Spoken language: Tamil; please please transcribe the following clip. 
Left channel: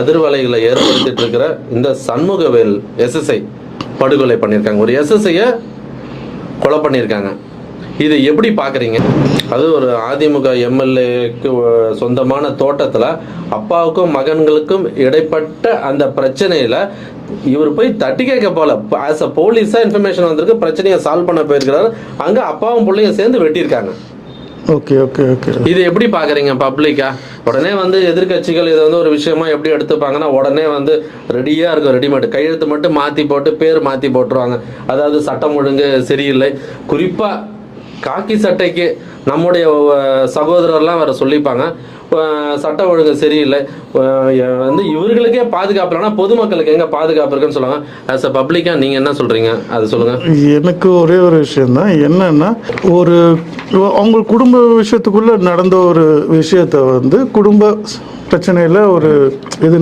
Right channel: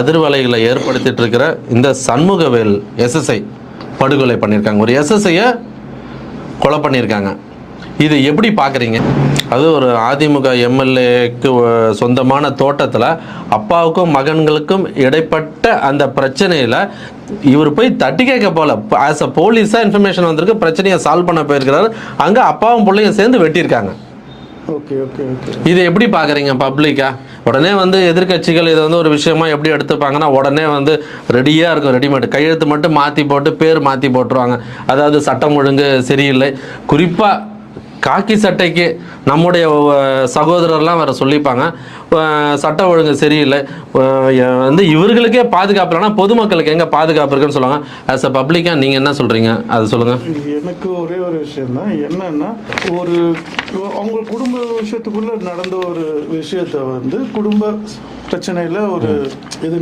அதிர்வலைகளை ஏற்படுத்திட்டு இருக்கிற இந்த சண்முகவேல் எஸ்எஸ்ஐ படுகொலை பண்ணியிருக்காங்க. ஒரு எஸ்எஸ்ஐயை கொலை பண்ணியிருக்காங்க. இதை எப்படி பார்க்குறீங்க? அது ஒரு அதிமுக எம்எல்ஏக்கு சொந்தமான தோட்டத்தில் அப்பாவுக்கும் மகன்களுக்கும் இடைப்பட்ட அந்த பிரச்சனையில் இவர் போய் தட்டி கேட்க போல, ஆஸ் அ போலீஸாக இன்ஃபர்மேஷன் வந்திருக்கு, பிரச்சனையை சால்வ் பண்ண போயிருக்கிறாரு. அங்கே அப்பாவும் பிள்ளையும் சேர்ந்து வெட்டியிருக்காங்க. ஓகே ஓகே ஓகே இதை எப்படி பார்க்குறீங்க பப்ளிக்கா? உடனே எதிர்கட்சிகள் இதை ஒரு விஷயமா எப்படி எடுத்துப்பாங்கன்னா, உடனே ரெடியாக இருக்கும், ரெடிமேட் கையெழுத்து மட்டும் மாற்றி போட்டு பேர் மாற்றி போட்டுருவாங்க. அதாவது சட்டம் ஒழுங்கு சரியில்லை. குறிப்பாக காக்கி சட்டைக்கு நம்முடைய சகோதரர்லாம் வேறு சொல்லிப்பாங்க, சட்ட ஒழுங்கு சரியில்லை, இவர்களுக்கே பாதுகாப்பு இல்லைன்னா பொதுமக்களுக்கு எங்கே பாதுகாப்பு இருக்குன்னு சொல்லுவாங்க. ஆஸ் அ பப்ளிக்காக நீங்கள் என்ன சொல்கிறீங்க, அது சொல்லுங்கள். எனக்கு ஒரே ஒரு விஷயம்தான், என்னன்னா ஒரு அவங்க குடும்ப விஷயத்துக்குள்ளே நடந்த ஒரு விஷயத்தை குடும்ப பிரச்சனையில் ஒரு இது